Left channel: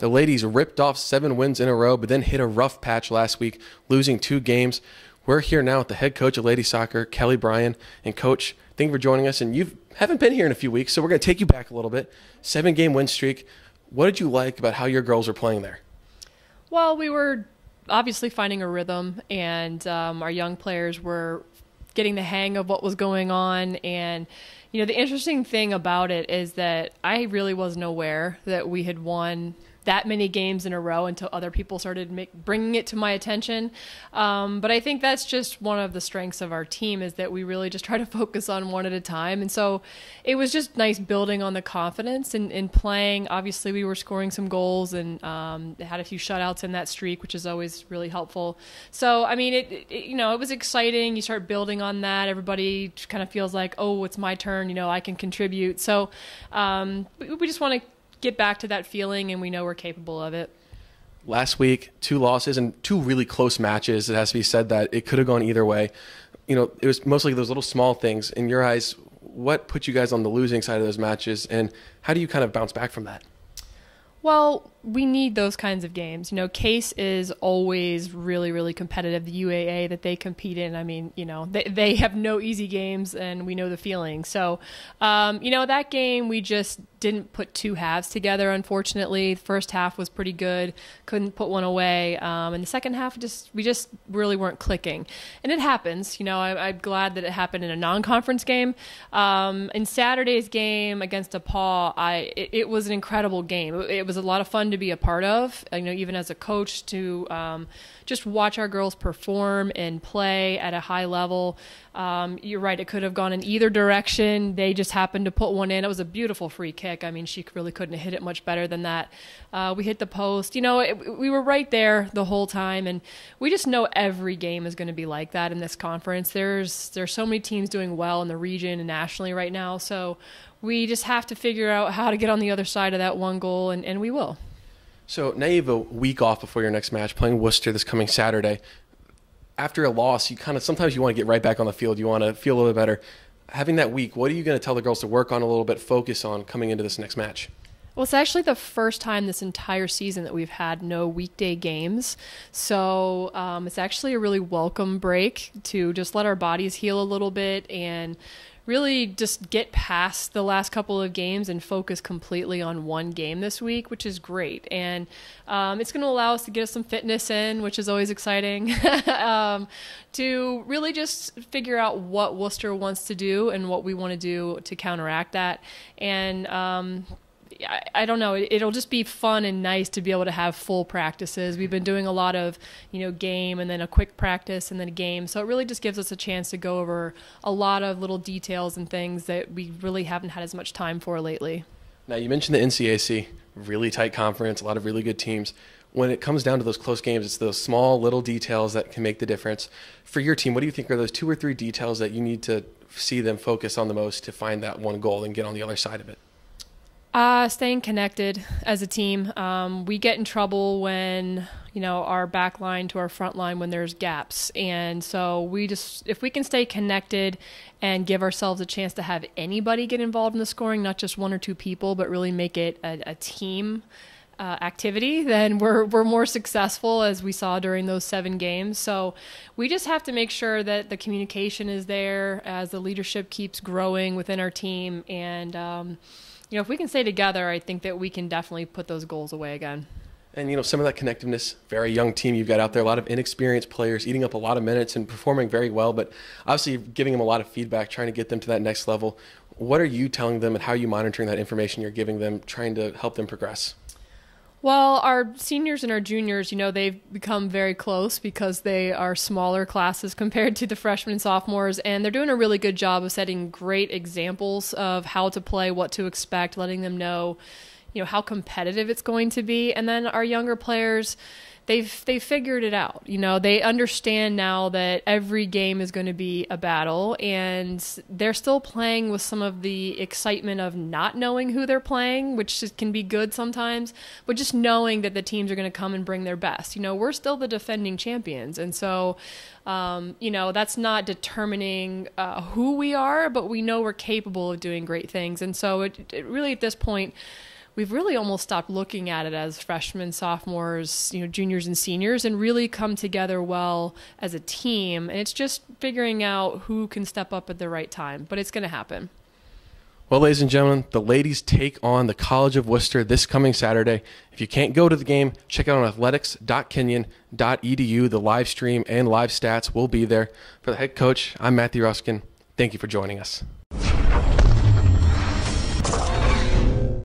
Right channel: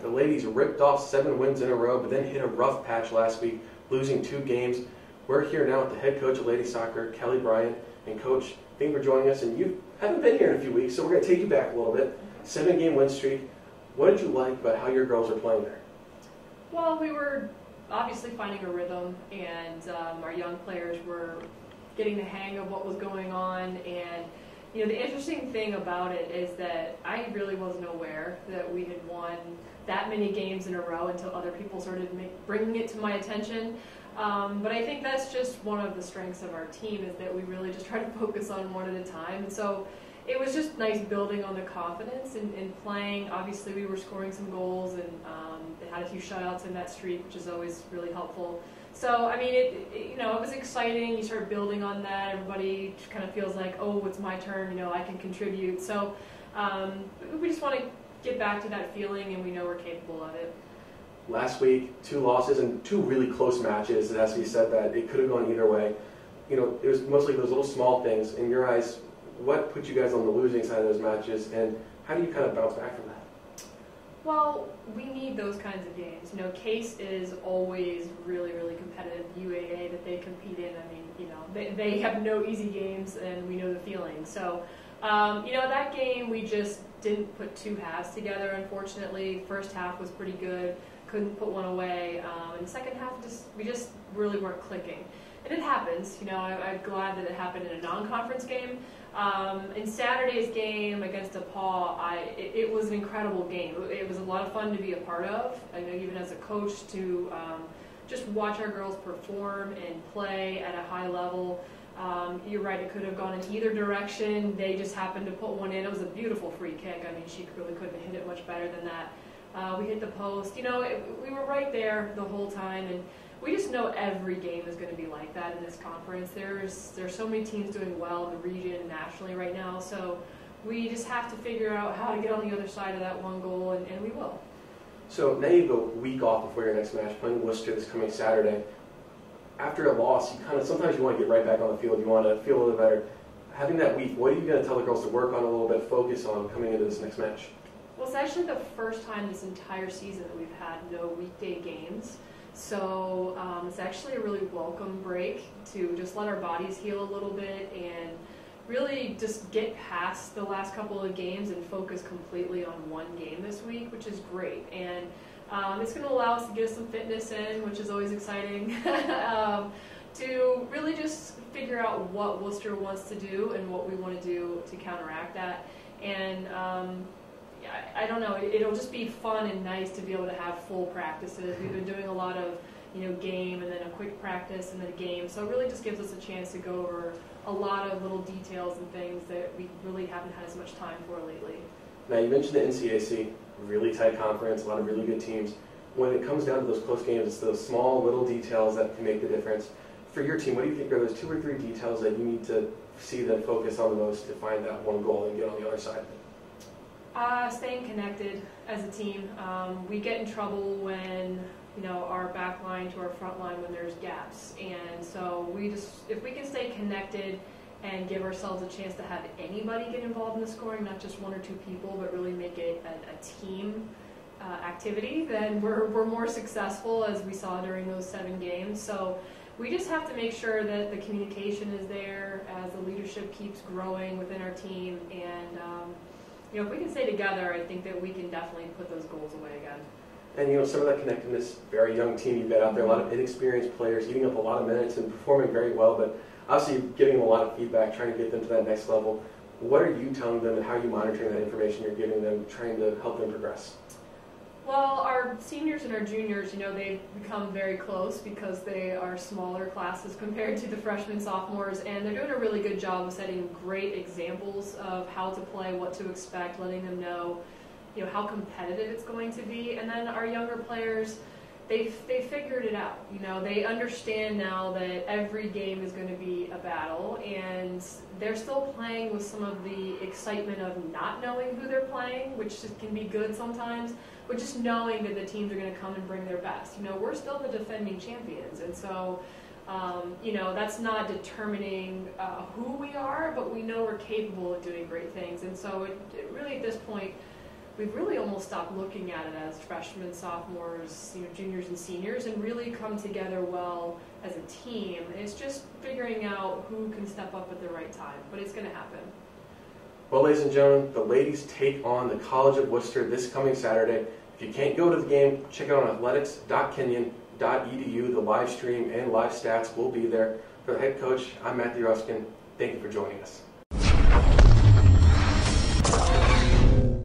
The ladies ripped off 7 wins in a row, but then hit a rough patch last week, losing 2 games. We're here now with the head coach of ladies soccer, Kelly Bryan. And Coach, thank you for joining us. And you haven't been here in a few weeks, so we're going to take you back a little bit. 7-game win streak. What did you like about how your girls are playing there? Well, we were obviously finding a rhythm, and our young players were getting the hang of what was going on. And you know, the interesting thing about it is that I really wasn't aware that we had won that many games in a row until other people started bringing it to my attention. But I think that's just one of the strengths of our team, is that we really just try to focus on one at a time. And so it was just nice building on the confidence and playing. Obviously, we were scoring some goals and they had a few shutouts in that streak, which is always really helpful. So, I mean, it was exciting. You start building on that. Everybody kind of feels like, oh, it's my turn. You know, I can contribute. So we just want to get back to that feeling, and we know we're capable of it. Last week, 2 losses and 2 really close matches. It has to be said that it could have gone either way. You know, it was mostly those little small things. In your eyes, what put you guys on the losing side of those matches, and how do you kind of bounce back from that? Well, we need those kinds of games. You know, Case is always really, really competitive. The UAA that they compete in, I mean, you know, they have no easy games, and we know the feeling. So, you know, that game we just didn't put 2 halves together, unfortunately. The first half was pretty good, couldn't put one away. And the second half, we just really weren't clicking. And it happens. You know, I'm glad that it happened in a non-conference game. In Saturday's game against DePaul, it was an incredible game. It was a lot of fun to be a part of, you know, even as a coach, to just watch our girls perform and play at a high level. You're right, it could have gone in either direction. They just happened to put one in. It was a beautiful free kick. I mean, she really couldn't have hit it much better than that. We hit the post. You know, we were right there the whole time, and we just know every game is going to be like that in this conference. There's so many teams doing well in the region and nationally right now, so we just have to figure out how to get on the other side of that one goal, and we will. So now you have a week off before your next match, playing Worcester this coming Saturday. After a loss, sometimes you want to get right back on the field. You want to feel a little bit better. Having that week, what are you going to tell the girls to work on a little bit, focus on coming into this next match? Well, it's actually the first time this entire season that we've had no weekday games. So it's actually a really welcome break to just let our bodies heal a little bit and really just get past the last couple of games and focus completely on one game this week, which is great. And it's going to allow us to get some fitness in, which is always exciting, to really just figure out what Worcester wants to do and what we want to do to counteract that. And I don't know, it'll just be fun and nice to be able to have full practices. We've been doing a lot of, you know, game and then a quick practice and then a game. So it really just gives us a chance to go over a lot of little details and things that we really haven't had as much time for lately. Now, you mentioned the NCAC, really tight conference, a lot of really good teams. When it comes down to those close games, it's those small little details that can make the difference. For your team, what do you think are those 2 or 3 details that you need to see them focus on the most to find that one goal and get on the other side of it? Staying connected as a team. We get in trouble when, you know, our back line to our front line when there's gaps. And so if we can stay connected and give ourselves a chance to have anybody get involved in the scoring, not just 1 or 2 people, but really make it a team activity, then we're more successful, as we saw during those 7 games. So we just have to make sure that the communication is there as the leadership keeps growing within our team. And you know, if we can stay together, I think that we can definitely put those goals away again. And, you know, some of that connectiveness, very young team you've got out there, a lot of inexperienced players eating up a lot of minutes and performing very well, but obviously giving them a lot of feedback, trying to get them to that next level. What are you telling them, and how are you monitoring that information you're giving them, trying to help them progress? Well, our seniors and our juniors, you know, they've become very close because they are smaller classes compared to the freshmen and sophomores, and they're doing a really good job of setting great examples of how to play, what to expect, letting them know, you know, how competitive it's going to be. And then our younger players, they've figured it out. You know, they understand now that every game is going to be a battle, and they're still playing with some of the excitement of not knowing who they're playing, which can be good sometimes, but just knowing that the teams are going to come and bring their best. You know, we're still the defending champions, and so you know, that's not determining who we are, but we know we're capable of doing great things. And so it really, at this point, we've really almost stopped looking at it as freshmen, sophomores, juniors and seniors, and really come together well as a team. And it's just figuring out who can step up at the right time, but it's going to happen. Well, ladies and gentlemen, the ladies take on the College of Worcester this coming Saturday. If you can't go to the game, check out on athletics.kenyon.edu. The live stream and live stats will be there. For the head coach, I'm Matthew Ruskin. Thank you for joining us.